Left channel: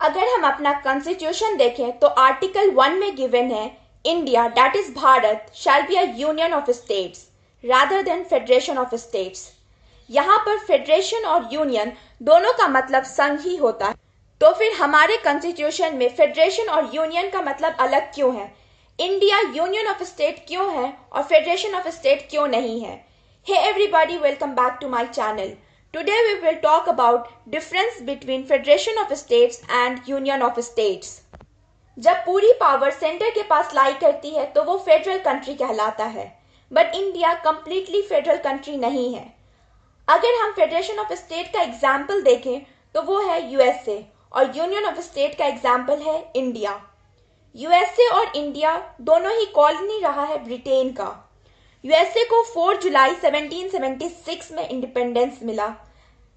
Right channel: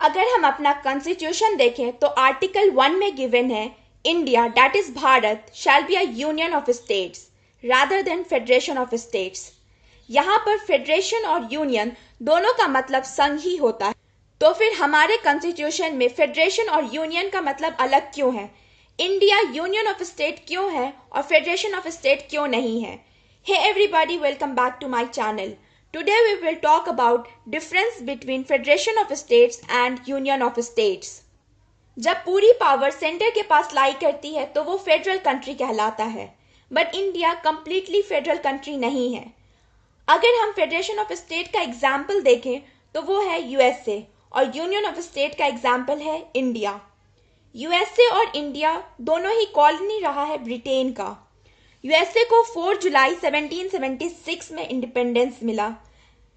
अगर हम अपना कॉन्स्टिट्यूशन देखें तो आर्टिकल 1 में गिवन है India that is Bharat shall be a union of states rather than federation of states. यहाँ पर फेडरेशन और यूनियन दोनों का मतलब संघ ही होता है, तो फिर हमारे कॉन्स्टिट्यूशन में फेडरेशन और यूनियन का मतलब अलग क्यों है? इंडिया यूनियन ऑफ स्टेट क्यों है और फेडरेशन ऑफ स्टेट क्यों नहीं है? Hey everybody, welcome back to my channel. Today we will talk about difference between Federation of States and Union of States. जब पूरी पावर सेंटर के पास लाई करती है तो वो फेडरल कंट्री कहलाता है, but India completely federal country नहीं है। अगर हम फेडरेशन ऑफ स्टेट का एग्जाम्पल देखें तो वो है यूएसए और यूनियन ऑफ स्टेट का एग्जाम्पल है इंडिया। यूएसए और इंडिया दोनों ही कॉलोनी रहा है ब्रिटेन का। यूएसए को 4 जुलाई 1776 में इंडिपेंडेंस मिला।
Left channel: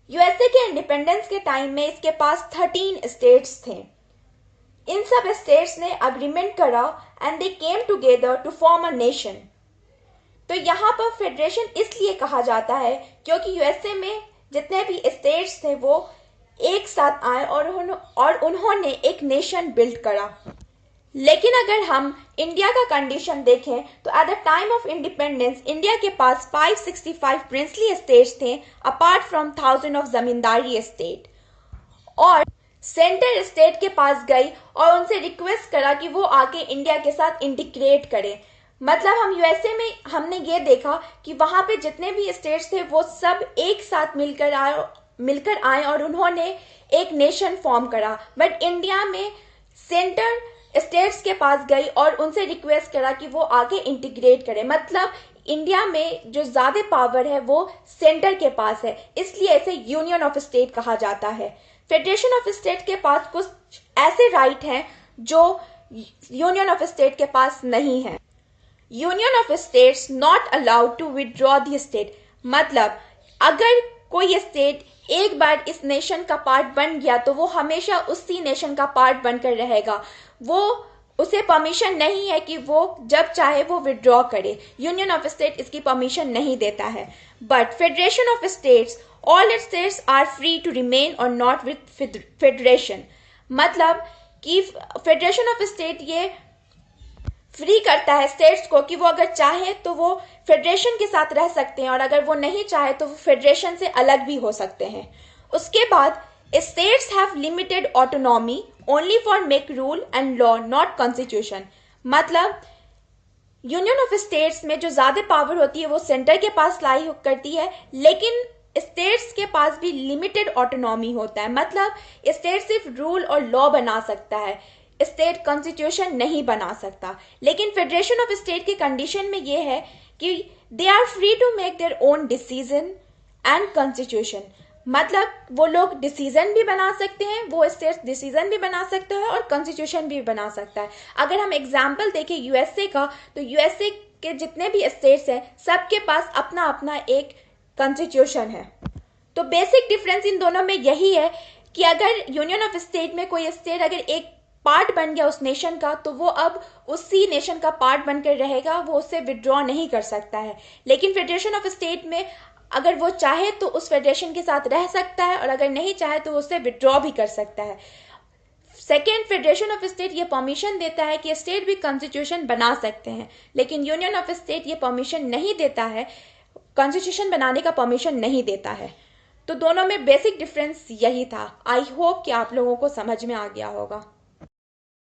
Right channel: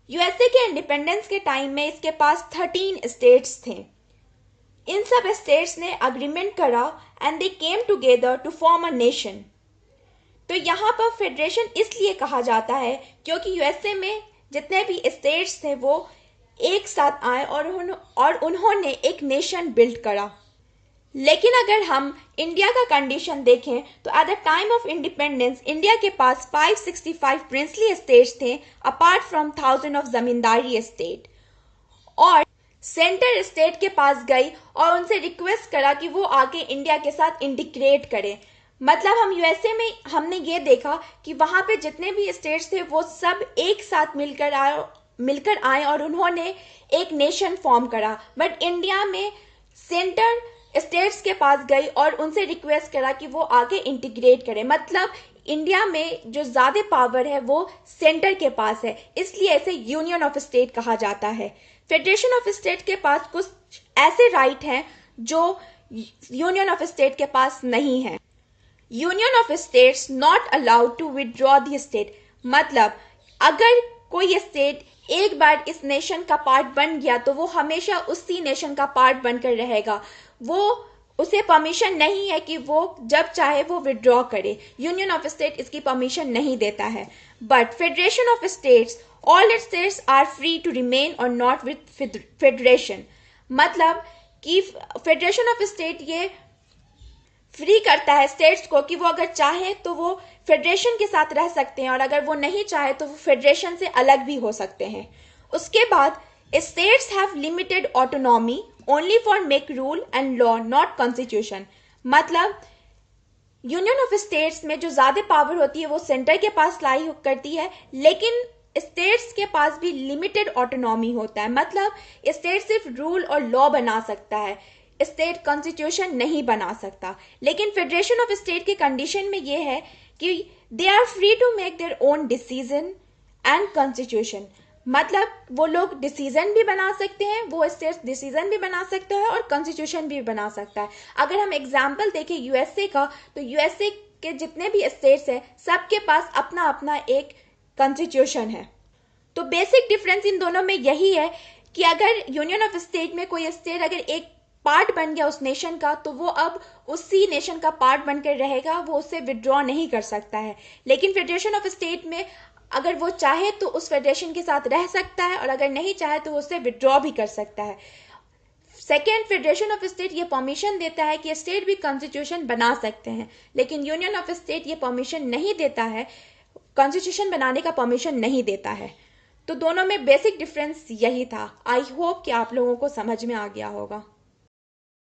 यूएसए के इंडिपेंडेंस के टाइम में इसके पास 13 स्टेट्स थे। इन सब स्टेट्स ने अग्रीमेंट करा and they came together to form a nation. तो यहाँ पर फेडरेशन इसलिए कहा जाता है क्योंकि यूएसए में जितने भी स्टेट्स थे वो एक साथ आए और उन्होंने एक नेशन बिल्ड करा। लेकिन अगर हम इंडिया का कंडीशन देखें तो at the time of independence India के पास 565 प्रिंसली स्टेट्स थे apart from 1000 of zamindari state. और सेंटर स्टेट के पास गई और उनसे रिक्वेस्ट करा कि वो आके इंडिया के साथ इंटीग्रेट करे। मतलब हम यूएसए में हमने ये देखा कि वहां पे जितने भी स्टेट्स थे वो सब एक साथ मिलकर आए और उन्होंने एक नेशन फॉर्म करा। बट इंडिया में सेंटर स्टेट्स के पास गई और उनसे रिक्वेस्ट करा कि वो आगे इंटीग्रेट करें। मतलब इंडिया में जो ज्यादा पावर है वो सेंटर के पास है, इसलिए इसे यूनियन ऑफ स्टेट कहा जाता है। फेडरेशन ऑफ स्टेट के पास कुछ ऐसे राइट हैं जो यूनियन ऑफ स्टेट के पास नहीं है। Union of states not allowed to withdraw the state. मतलब अगर कोई स्टेट एक बार इस नेशन का पार्ट बन गया तो वो हमेशा उसी नेशन का पार्ट बनकर रहेगा। वो उसे परमिशन नहीं है कि वो जब चाहे वो विड्रॉ करे। यूनियन ऑफ स्टेट इसकी परमिशन नहीं देता है। But federation of states, all states are free to remain or not with federation. मतलब कि फेडरेशन ऑफ स्टेट ये फ्री करता है स्टेट्स को कि वो अगर चाहे तो वो फेडरेशन के साथ रह सकते हैं और अगर वो नहीं चाहे तो वो फेडरेशन से अलग भी हो सकते हैं। उसके बाद states have limited autonomy only for make rule and law not constitution. मतलब यूनियन ऑफ स्टेट्स में जो ज्यादा पावर होती है वो सेंटर के पास लाई करती है, लेकिन स्टेट्स के पास भी लिमिटेड ऑटोनॉमी होता है। मतलब स्टेट सिर्फ रूल और लॉ बना सकता है, स्टेट कॉन्स्टिट्यूशन नहीं बना सकता। लेकिन फेडरेशन ऑफ स्टेट की कंडीशन में यह है कि they are free to make their own decision and constitution. मतलब वो लोग डिसीजन भी बना सकते हैं, वो स्टेट डिसीजन भी बना सकता है और कॉन्स्टिट्यूशन भी बना सकता है। अगर हम एग्जाम्पल देखें यूएसए का तो यूएसए के जितने भी स्टेट्स हैं सबके पास अपना अपना एक कॉन्स्टिट्यूशन है। तो बेसिक डिफरेंस इन दोनों में यही है कि अगर यूनियन ऑफ स्टेट में कोई स्टेट अगर एक पार्ट बन गया उस नेशन का तो वो अब उसी नेशन का पार्ट बनकर रहेगा, वो उससे विड्रॉ नहीं कर सकता है। लेकिन फेडरेशन ऑफ स्टेट में अगर वो चाहे तो उस फेडरेशन के साथ रह सकता है और अगर नहीं चाहे तो उससे विड्रॉ भी कर सकता है। सेकेंड, फेडरेशन ऑफ स्टेट ये परमिशन देता है कि स्टेट भी कॉन्स्टिट्यूशन बना सकते हैं, लेकिन यूनियन ऑफ स्टेट ये परमिशन नहीं देता है, कॉन्स्टिट्यूशन बनाने का परमिशन नहीं देता है। तो दोनों में बेसिक डिफरेंस यही था। आई होप कि आप लोगों को समझ में आ गया होगा।